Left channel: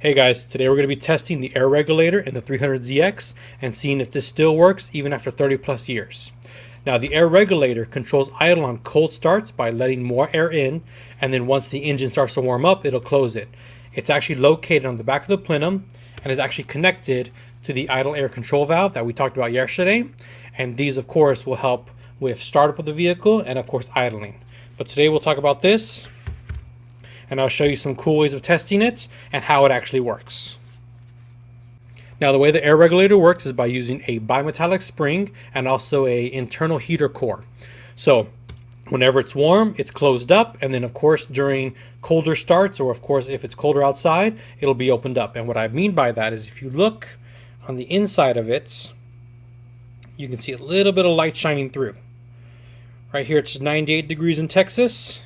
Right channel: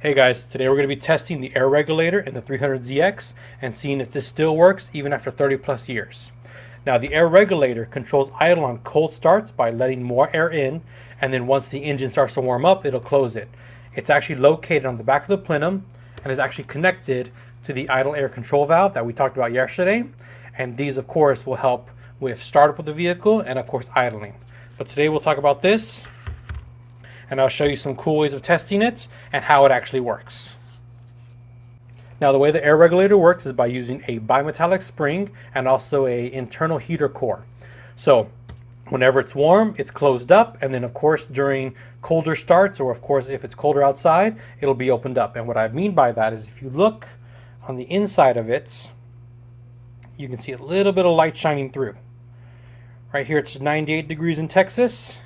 Hey guys, today we're going to be testing the air regulator in the 300ZX and seeing if this still works even after 30 plus years. Now the air regulator controls idle on cold starts by letting more air in, and then once the engine starts to warm up, it'll close it. It's actually located on the back of the plenum and is actually connected to the idle air control valve that we talked about yesterday, and these of course will help with startup of the vehicle and of course idling. But today we'll talk about this, and I'll show you some cool ways of testing it and how it actually works. Now the way the air regulator works is by using a bimetallic spring and also a internal heater core. So whenever it's warm, it's closed up, and then of course during colder starts, or of course if it's colder outside, it'll be opened up. And what I mean by that is if you look on the inside of it, you can see a little bit of light shining through. Right here it's 98 degrees in Texas.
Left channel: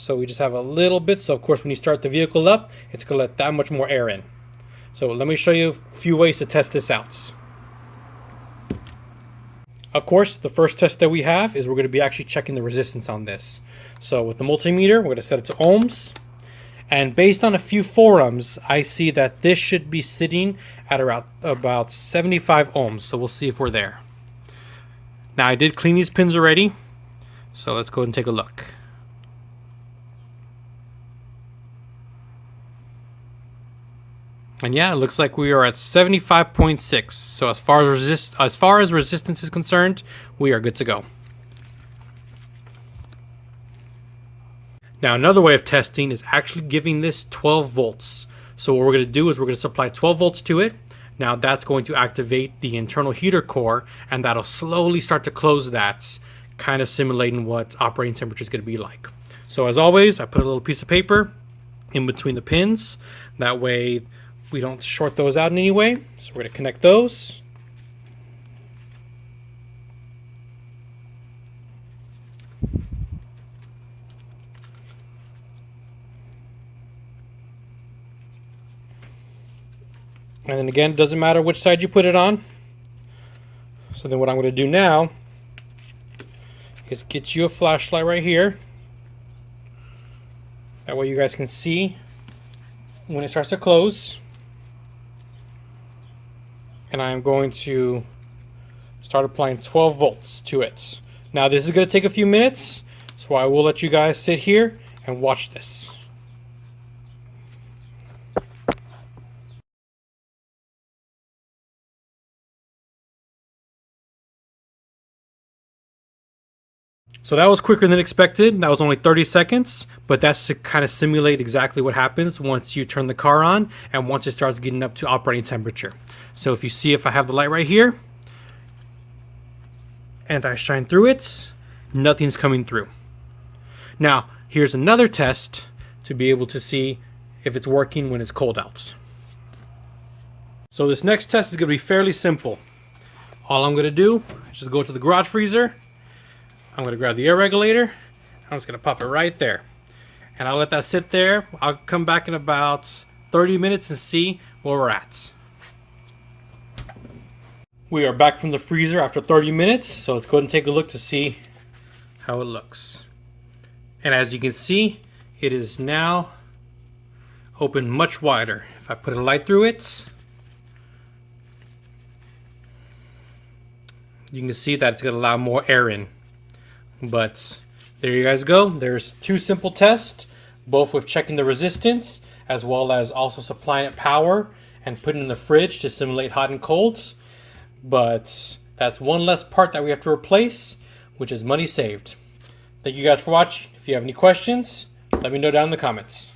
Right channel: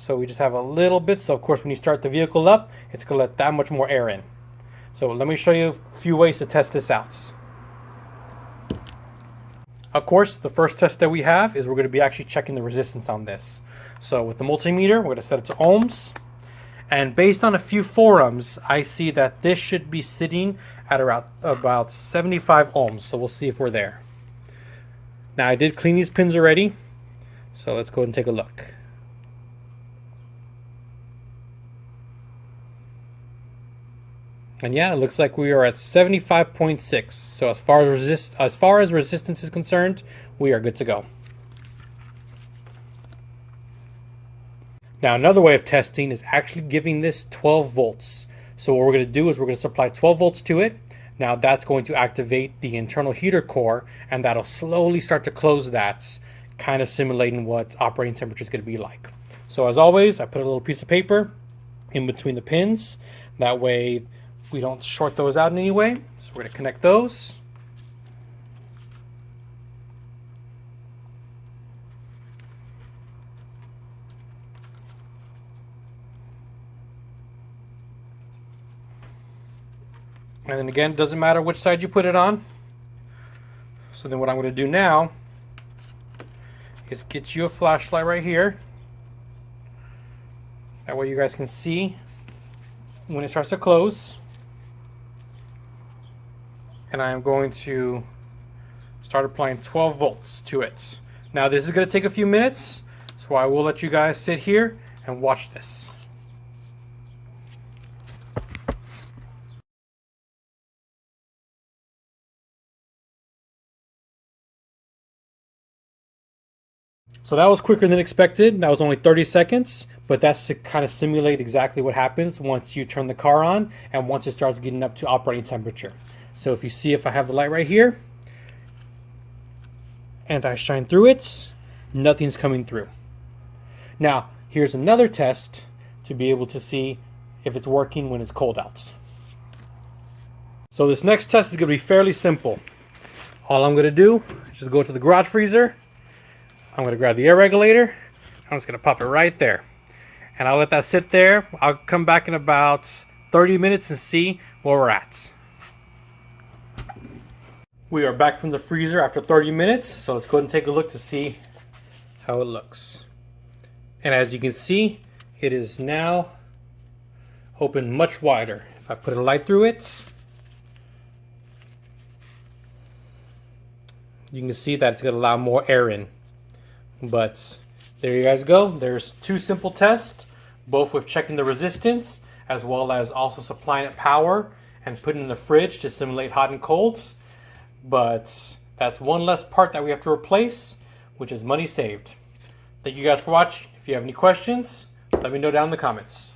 So we just have a little bit. So of course when you start the vehicle up, it's going to let that much more air in. So let me show you a few ways to test this out. Of course, the first test that we have is we're going to be actually checking the resistance on this. So with the multimeter, we're going to set it to ohms. And based on a few forums, I see that this should be sitting at about 75 ohms. So we'll see if we're there. Now I did clean these pins already. So let's go ahead and take a look. And yeah, it looks like we are at 75.6. So as far as resistance is concerned, we are good to go. Now another way of testing is actually giving this 12 volts. So what we're going to do is we're going to supply 12 volts to it. Now that's going to activate the internal heater core, and that'll slowly start to close that, kind of simulating what operating temperature is going to be like. So as always, I put a little piece of paper in between the pins. That way we don't short those out in any way. So we're going to connect those. And then again, it doesn't matter which side you put it on. So then what I'm going to do now is get you a flashlight right here. That way you guys can see when it starts to close. And I'm going to start applying 12 volts to it. Now this is going to take a few minutes, so I will let you guys sit here and watch this. So that was quicker than expected. That was only 30 seconds, but that's to kind of simulate exactly what happens once you turn the car on and once it starts getting up to operating temperature. So if you see, if I have the light right here and I shine through it, nothing's coming through. Now, here's another test to be able to see if it's working when it's cold out. So this next test is going to be fairly simple. All I'm going to do is just go to the garage freezer. I'm going to grab the air regulator. I'm just going to pop it right there. And I'll let that sit there. I'll come back in about 30 minutes and see where we're at. We are back from the freezer after 30 minutes. So let's go ahead and take a look to see how it looks. And as you can see, it is now open much wider. If I put a light through it, you can see that it's going to allow more air in. But there you guys go. There's two simple tests, both with checking the resistance as well as also supplying it power and putting it in the fridge to simulate hot and colds. But that's one less part that we have to replace, which is money saved. Thank you guys for watching. If you have any questions, let me know down in the comments.